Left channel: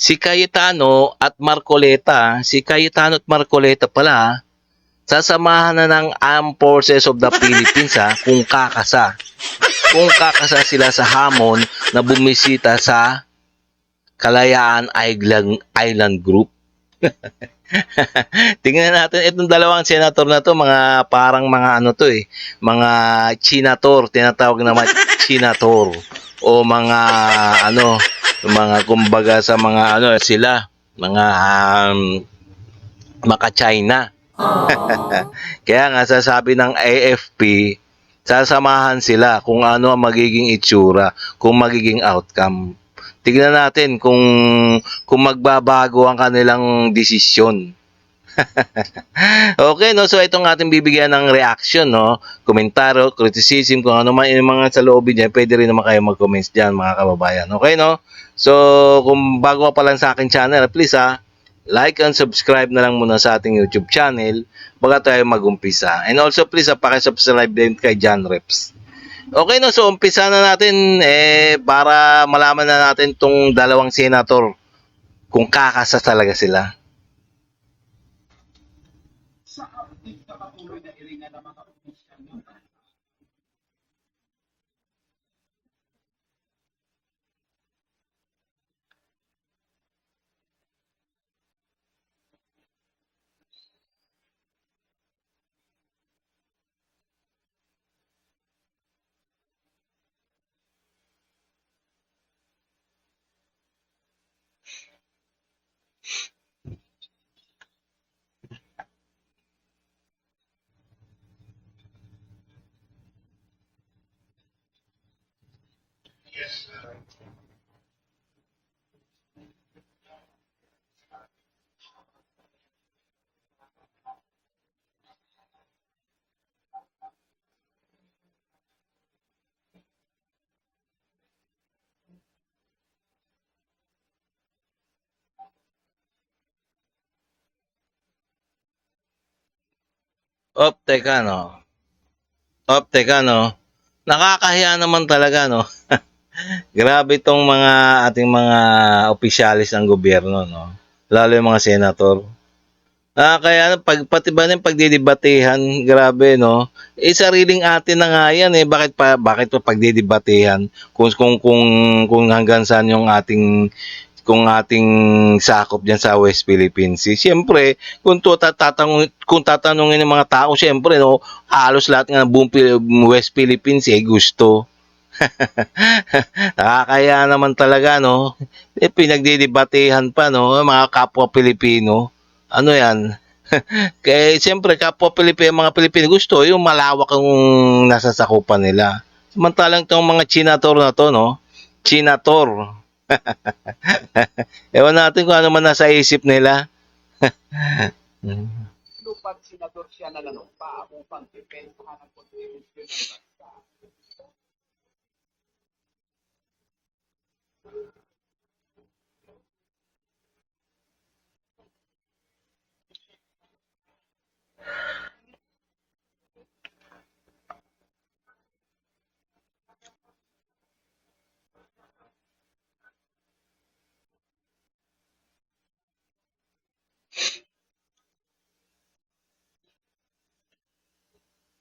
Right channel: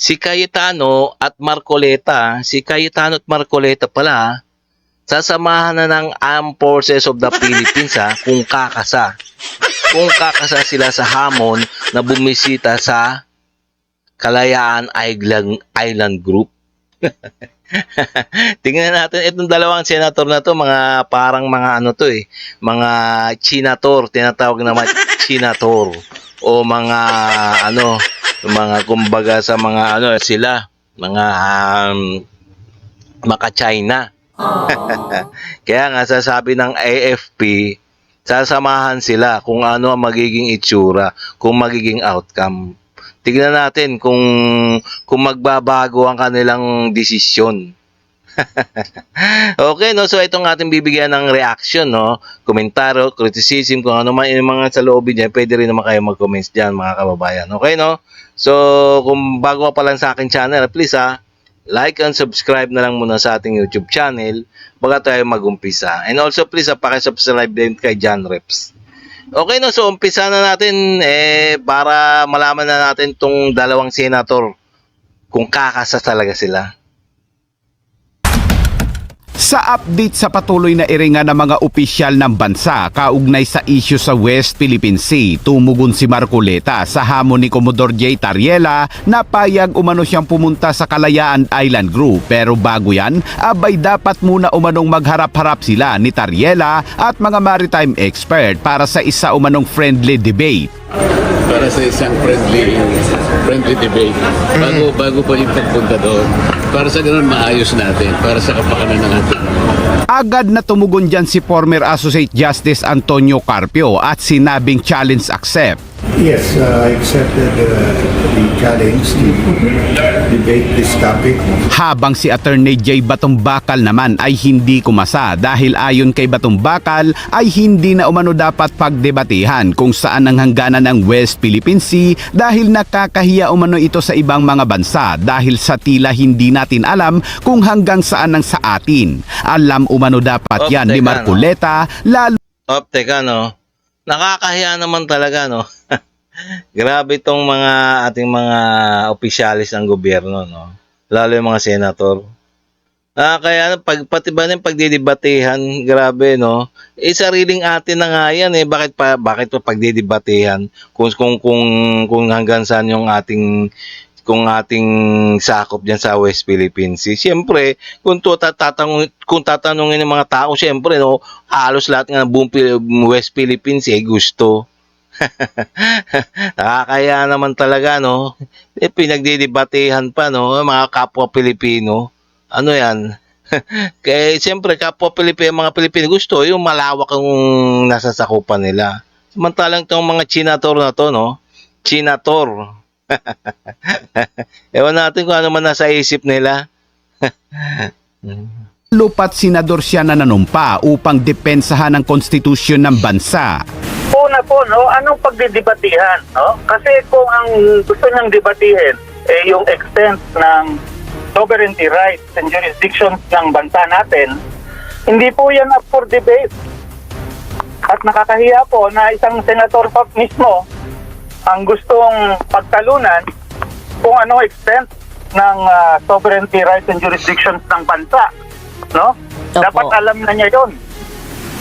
Si Cayetano at Marcoleta, si Cayetano at Marcoleta pala, sasamahan na ng Armed Forces of the Philippines kung kakasa. Kung kakasa sila sa hamon na bumisita sa Kalayaan Island Group. Tingnan natin itong dalawang senator na to, mga parang mga ano to mga chinator, tinatawag naman chinator o mga ano, mga kumbaga sa mga ano sila, mga maka-China. Kaya nga sasabi ng AFP, sasamahan sila kung ano ang magiging itsura, kung magiging outcome. Tignan natin kung magbabago ang kanilang desisyon. Okay, no? So itong ating bibigyan ng reaction, no? Komentaryo, criticism, kung ano man yung mga sa loob niya, pwede rin naman kayo mag-comments diyan, mga kababayan. Okay, no? So kung bago ka pa lang sa akin channel, please like and subscribe na lang muna sa ating YouTube channel bago tayo mag-umpisa. And also please paki-subscribe din kay John Reps. Okay, no? So umpisa na natin para malaman na natin tong dalawang senator kung kakasa talaga sila. Sa update sa patuloy na iringan ng mga opisyal ng bansa kaugnay sa isyu sa West Philippine Sea, tumugon si Marcoleta sa hamon ni Commodore J. Tariela na payag umano siyang pumunta sa Kalayaan Island Group. Pero bago yan, abay dapat muna umanong magharap-harap sila ni Tariela at mga maritime expert para sa isa umanong friendly debate. Para sa isang friendly debate. Bago pa yung pagpunta doon. Para sa ganun maayos natin. Para sa kapakanan ng ating. Agad na tumugon dyan si former Associate Justice Antonio Carpio at sinabing challenge accept. Yes, I accepted the challenge to debate this topic. Habang si Attorney J. Batumbakal naman ay hindi kumasa dahil ayon kay Batumbakal ay hindi na umano dapat pagdebatehan kung saan ang hangganan ng West Philippine Sea dahil nakakahiya umano ito sa ibang mga bansa dahil sa tila hindi natin alam kung hanggang saan ang sa atin. Alam umano dapat yan ni Marcoleta, lalo... Teka, no? Nakakahiya naman talaga, no? Grabe itong mga ating mga opisyalis ng gobyerno, no? Lalo yung mga senator. Kaya pati ba yung pagdidebatehan, grabe, no? Sariling atin na nga yan, bakit pa pagdidebatehan kung hanggang saan yung ating sakop diyan sa West Philippine Sea. Siyempre, kung tatanungin ng mga tao, siyempre, no, halos lahat ng buong West Philippine Sea gusto. Nakakaya naman talaga, no? Pinagdidebatehan pa, no? Mga kapwa Pilipino. Ano yan? Kaya siyempre, kapwa Pilipino, mga Pilipino gusto yung malawak ang nasasakupan nila. Samantalang itong mga chinator na to, no? Chinator. Ewan natin kung ano man nasa isip nila. Lupat senador siya na nanumpa upang depensahan ang konstitusyon ng bansa. Una po, no, anong pagdidebatihan, no? Kasi kung ang gusto niyang debatihin yung extent ng sovereignty rights and jurisdictions ng bansa natin, hindi po yan up for debate. At nakakahiya po na isang senator pa mismo ang gustong pagtalunan kung anong extent ng sovereignty rights and jurisdictions ng bansa, no? Dapat alam na niya 'yon.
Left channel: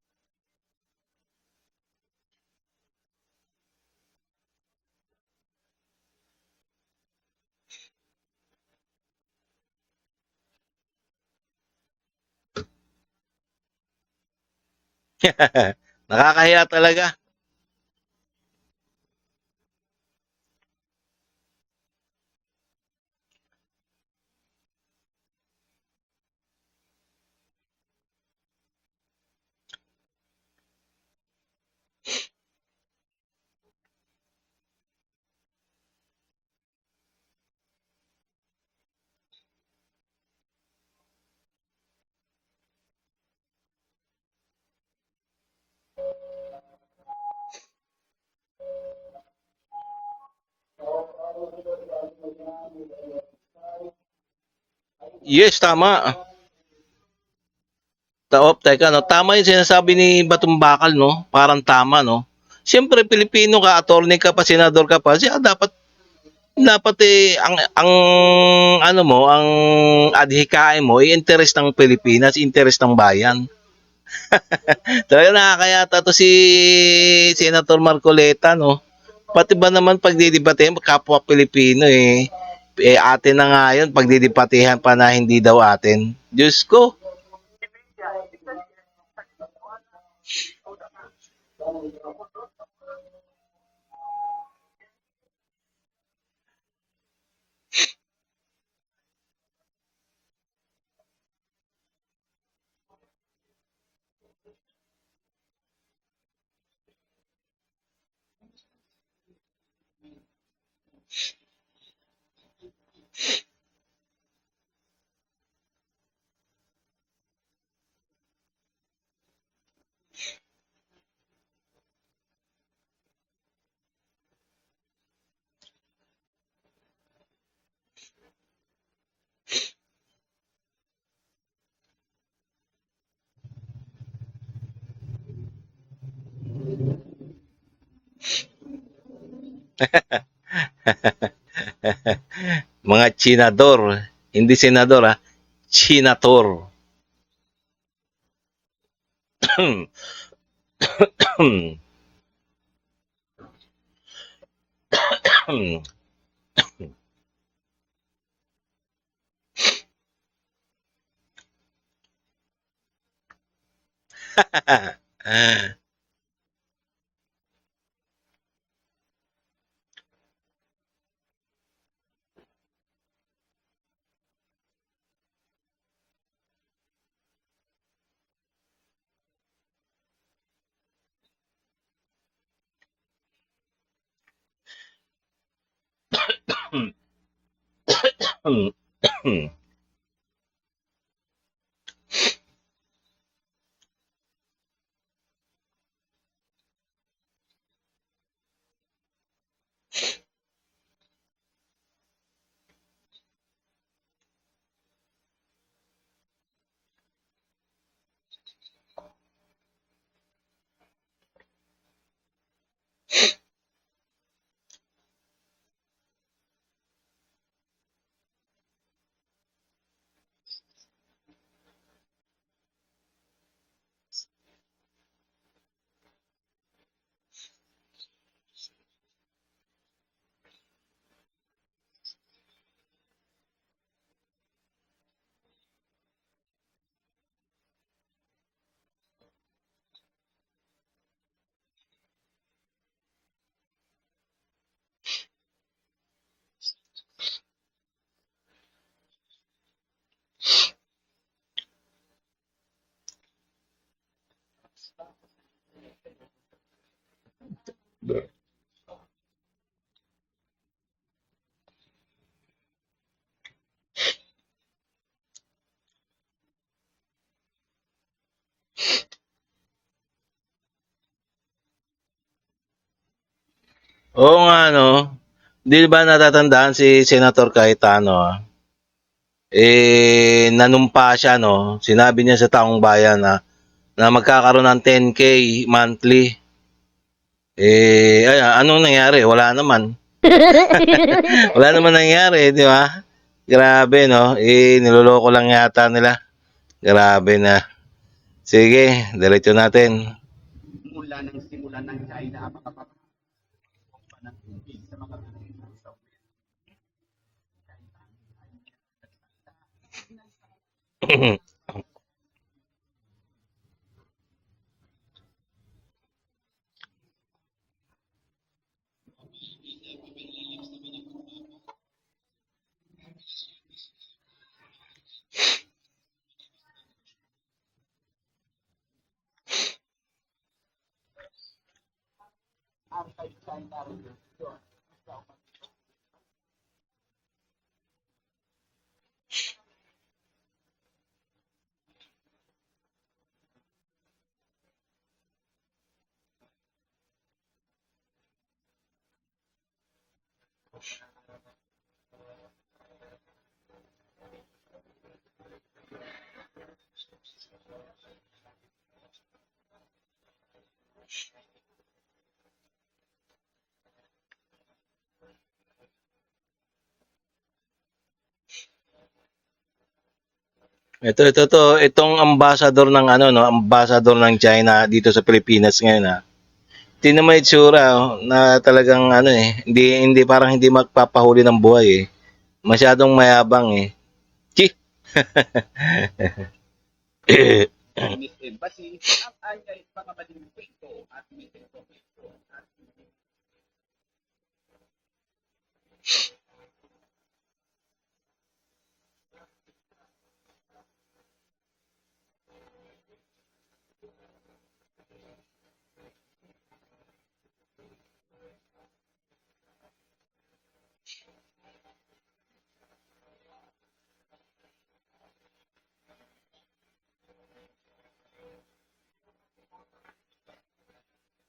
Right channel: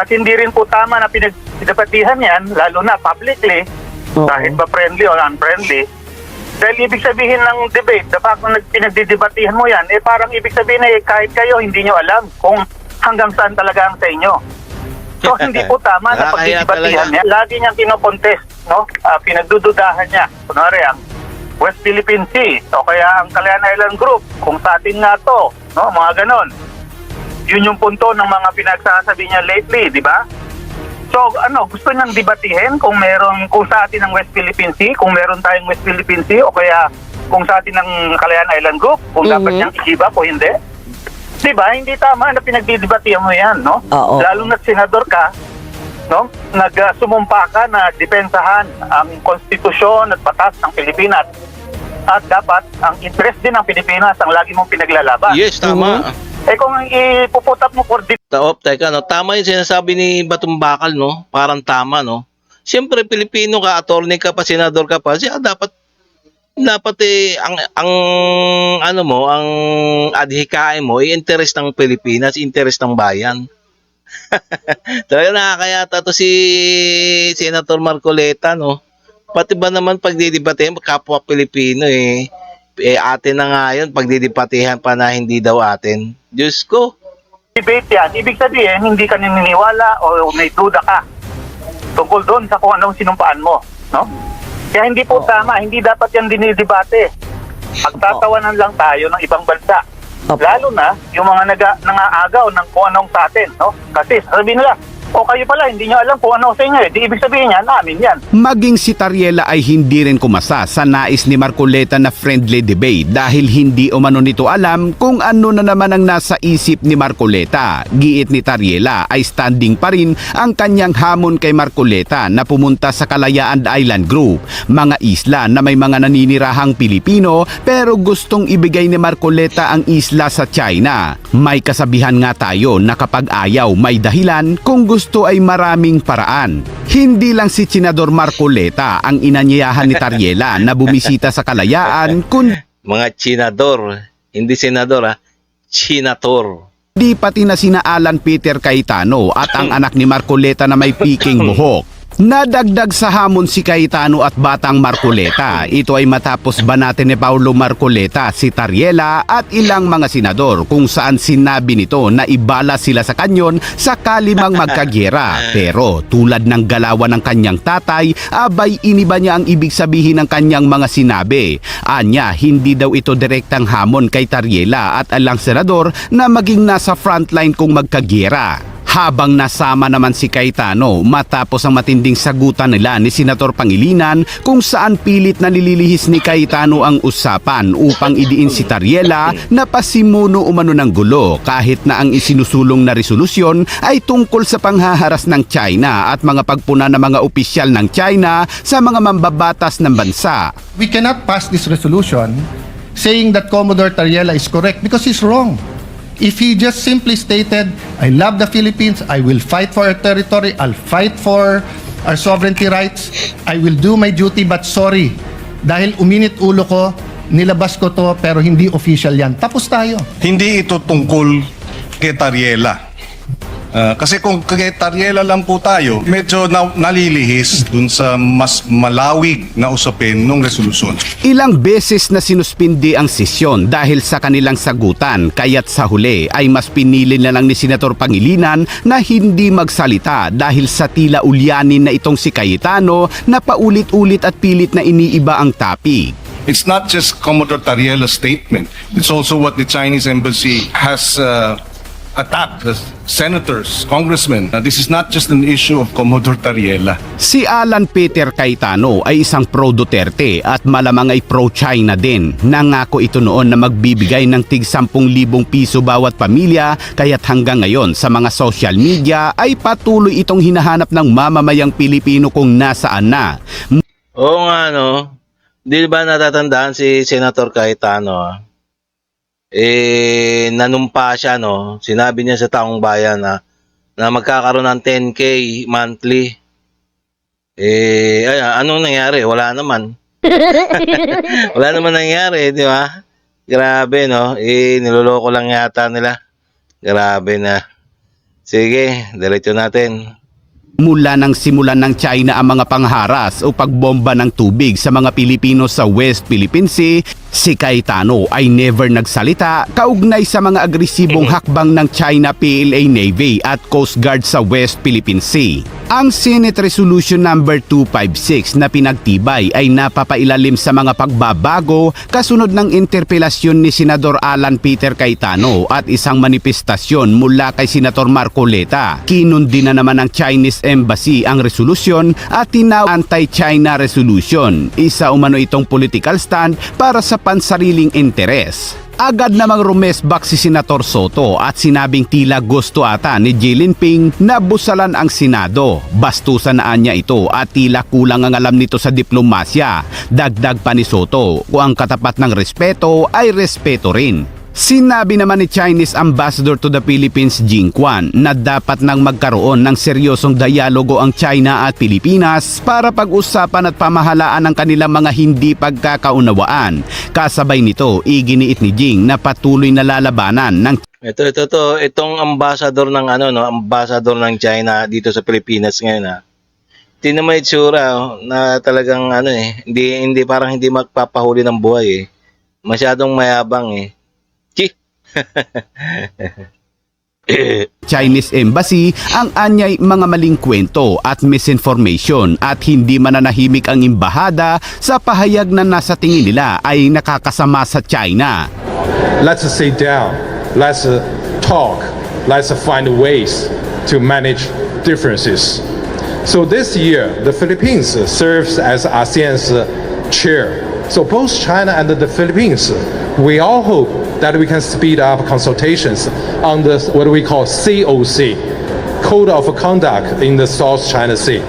At hindi rin po tama na pinagdebatihan yan, lalo na publicly, kahit ba friendly or unfriendly. Dahil ibig sabihin ng debate, the fact na pinagdidebatihan mo yan, parang ibig sabihin kahit kayo hindi nyo alam kung hanggang saan talaga ang sa inyo. So hindi po tama na pagdidebatihan niya. Lagi niyang kinokontest, no? Pinagdududahan niya. Kunwari ang West Philippine Sea o kaya ang Kalayaan Island Group, kung sa atin nga to, no? Mga ganon. Yun yung punto ng mga pinagsasabi niya lately, di ba? So gusto niyang debatihin kung sa atin ang West Philippine Sea, kung meron tayong West Philippine Sea o kaya kung sa atin ang Kalayaan Island Group, kung dapat niyang i-give up o hindi. Diba? Hindi tama na pinagdidebatihan mo yan, no? Lalo na senador ka, no? Nagsumumpa ka na depensahan ang konstitusyon at batas ng Pilipinas. At dapat ang interest din ng Pilipinas ang lagi mong pinaglalaban. Yes, tama. Kung ipuputap mo for Teka, no? Tama yung sinasabi ni Batumbakal, no? Parang tama, no? Siyempre, Pilipino ka, attorney ka pa, senador ka pa, siya dapat Dapat ang ano mo, ang adhikain mo, interest ng Pilipinas, interest ng bayan. Talaga nakakayata to si Senator Marcoleta, no? Pati ba naman pagdidebatehan, kapwa Pilipino eh. Atin na nga yun, pagdidebatehan pa na hindi daw atin. Diyos ko. Debate yan, ibig sabihin, hindi ka naniniwala o may duda ka tungkol doon sa kung anong sinumpaan mo. No? Kaya hindi po tama, hindi dapat yan dinidebate. Pagtatawanan lang tayo ng ibang bansa. Lalo na yung mga nangaagaw ng kung anong sa atin. No? Kasi sabihin nila, o kayo pala, hindi nyo alam kung ano sa inyo. Di ibig sabihin niya, namin yan. Maging si Tariela ay hindi rin kumasa sa nais ni Marcoleta na friendly debate dahil hindi umano nito alam kung ano na naman ang nasa isip ni Marcoleta. Giit ni Tariela ay standing pa rin ang kanyang hamon kay Marcoleta na pumunta sa Kalayaan Island Group, mga isla na may mga naninirahang Pilipino pero gustong ibigay ni Marcoleta ang isla sa China. May kasabihan nga tayo na kapag ayaw may dahilan, kung gusto ay maraming paraan. Hindi lang si Senador Marcoleta ang inanyayahan ni Tariela na bumisita sa Kalayaan, Mga Chinador, hindi senador Chinator. di pati na sina Alan Peter Cayetano at ang anak ni Marcoleta na may piking buhok. Nadagdag sa hamon si Cayetano at Batang Marcoleta. Ito ay matapos banatan ni Paulo Marcoleta si Tariela at ilang mga senador kung saan sinabi nito na ibala sila sa kanyon sakali mang magkagyera. Pero tulad ng galawan ng kanyang tatay, abay iniba niya ang ibig sabihin ng kanyang mga sinabi. Anya, hindi daw ito direktang hamon kay Tariela at alang senador na maging nasa frontline kung magkagyera. Habang nasama naman si Cayetano matapos ang matinding sagutan nila ni Senator Pangilinan kung saan pilit na nililihis ni Cayetano ang usapan upang idiin si Tariela na pasimuno umano ng gulo kahit na ang isinusulong na resolusyon ay tungkol sa panghaharas ng China at mga pagpuna ng mga opisyal ng China sa mga mambabatas ng bansa. We cannot pass this resolution saying that Commodore Tariela is correct because he's wrong. If he just simply stated, I love the Philippines, I will fight for our territory, I'll fight for our sovereignty rights, I will do my duty, but sorry, dahil uminit ulo ko, nilabas ko to, pero hindi official yan. Tapos tayo. Hindi ito tungkol kay Tariela. Kasi kung kay Tariela lang po tayo, medyo nalilihis dun sa mas malawig na usapin ng resolusyon. Ilang beses na sinuspindi ang sesyon dahil sa kanilang sagutan, kaya't sa huli ay mas pinili na lang ni Senator Pangilinan na hindi magsalita dahil sa tila ulyanin na itong si Cayetano na paulit-ulit at pilit na iniiba ang topic. It's not just Commodore Tariela's statement. It's also what the Chinese embassy has attacked the senators, congressmen. This is not just an issue of Commodore Tariela. Si Alan Peter Cayetano ay isang pro-Duterte at malamang ay pro-China din. Nangako ito noon na magbibigay ng tig 10,000 piso bawat pamilya kaya't hanggang ngayon sa mga social media ay patuloy itong hinahanap ng mamamayang Pilipino kung nasaan na. Oo nga, no? Di ba natatandaan si Senator Cayetano? Nanumpa siya, no? Sinabi niya sa taong bayan na magkakaroon ng 10K monthly. Anong nangyari? Wala naman. Wala naman nangyari, di ba? Grabe, no? Niloloko lang yata nila. Grabe na. Sige, diretso natin. Mula nang simulan ng China ang mga pangharas o pagbomba ng tubig sa mga Pilipino sa West Philippine Sea, si Cayetano ay never nagsalita kaugnay sa mga agresibong hakbang ng China PLA Navy at Coast Guard sa West Philippine Sea. Ang Senate Resolution number 256 na pinagtibay ay napapailalim sa mga pagbabago kasunod ng interpelasyon ni Senador Alan Peter Cayetano at isang manifestasyon mula kay Senator Marcoleta. Kinundi na naman ng Chinese Embassy ang resolusyon at tinawag anti-China resolution. Isa umano itong political stand para sa pansariling interes. Agad namang rumesbak si Senator Soto at sinabing tila gusto ata ni Xi Jinping na busalan ang Senado. Bastusan na niya ito at tila kulang ang alam nito sa diplomasya. Dagdag pa ni Soto, kung ang katapat ng respeto ay respeto rin. Sinabi naman ni Chinese Ambassador to the Philippines Jing Quan na dapat nang magkaroon ng seryosong dialogo ang China at Pilipinas para pag-usapan at pamahalaan ang kanilang mga hindi pagkakaunawaan. Kasabay nito, iginiit ni Jing na patuloy na lalabanan ng Itong ambassador ng ambassador ng China dito sa Pilipinas ngayon Tingnan mo yung itsura na talagang hindi parang hindi magpapahuli ng buhay Masyadong mayabang Chi. Chinese Embassy ang anyay mga maling kwento at misinformation at hindi mananahimik ang embahada sa pahayag na nasa tingin nila ay nakakasama sa China. Let's sit down, let's talk, let's find ways to manage differences. So this year, the Philippines serves as ASEAN's chair. So both China and the Philippines, we all hope that we can speed up consultations on the what we call COC, Code of Conduct in the South China Sea.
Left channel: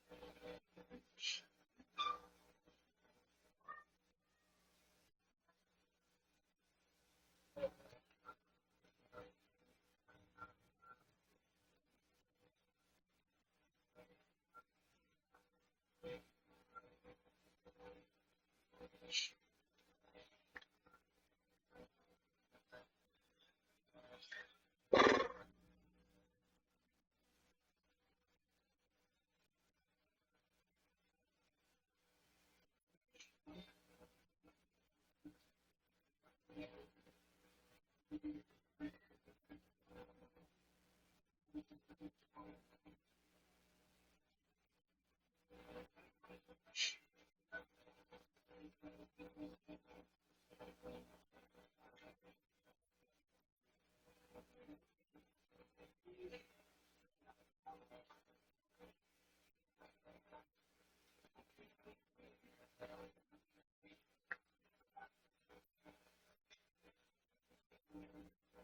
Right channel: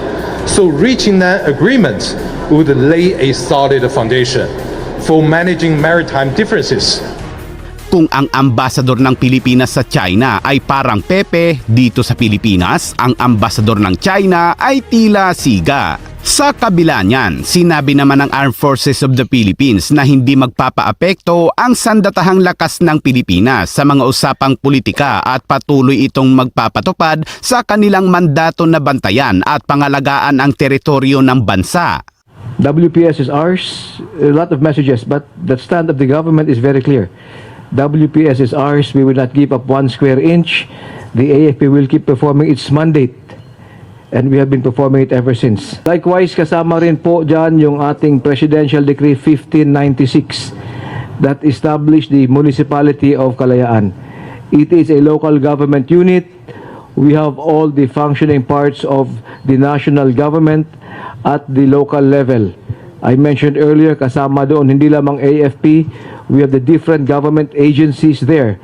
So reaching that agreement would lay a solid foundation for managing maritime differences. Kung ang ambasador ng Pilipinas sa China ay parang Pepe, dito sa Pilipinas, ang ambasador ng China ay tila Siga. Sa kabila niyan, sinabi naman ng Armed Forces of the Philippines na hindi magpapaapekto ang sandatahang lakas ng Pilipinas sa mga usapang politika at patuloy itong magpapatupad sa kanilang mandato na bantayan at pangalagaan ang teritoryo ng bansa. WPS is ours, a lot of messages, but the stand of the government is very clear. WPS is ours, we will not give up 1 square inch. The AFP will keep performing its mandate. And we have been performing it ever since. Likewise, kasama rin po dyan yung ating Presidential Decree 1596 that established the Municipality of Kalayaan. It is a local government unit. We have all the functioning parts of the national government at the local level. I mentioned earlier, kasama doon hindi lamang AFP, we have the different government agencies there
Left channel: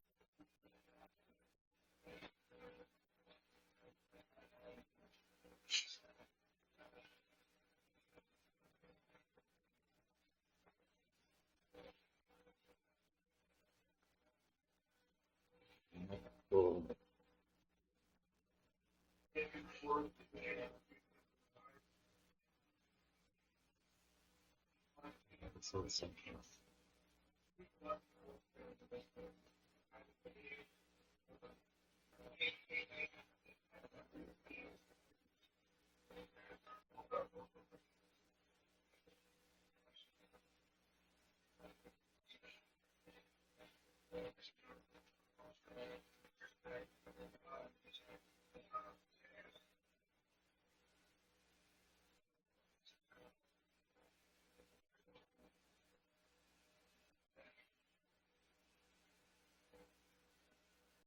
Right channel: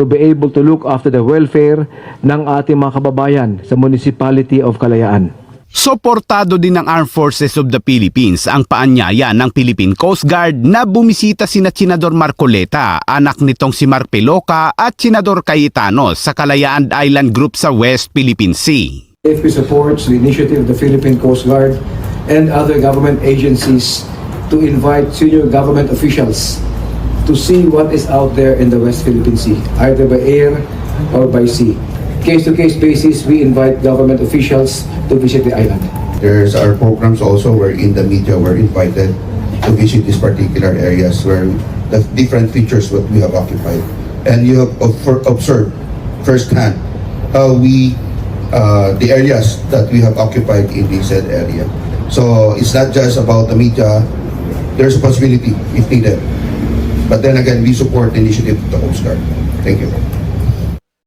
to be able to look after the welfare ng ating mga kababayan sa Municipality of Kalayaan. Suportado din ng Armed Forces of the Philippines ang paanyaya ng Philippine Coast Guard na bumisita sina Senador Marcoleta, anak nitong si Mark Peloca at Senador Cayetano sa Kalayaan Island Group sa West Philippine Sea. AFP supports the initiative of the Philippine Coast Guard and other government agencies to invite senior government officials to see what is out there in the West Philippine Sea, either by air or by sea. Case-to-case basis, we invite government officials to visit the island. There's our programs also wherein the media were invited to visit these particular areas where the different features what we have occupied. And you have observed firsthand how the areas that we have occupied in this said area. So it's not just about the media, there's a possibility if needed. But then again, we support the initiative of the Coast Guard. Thank you.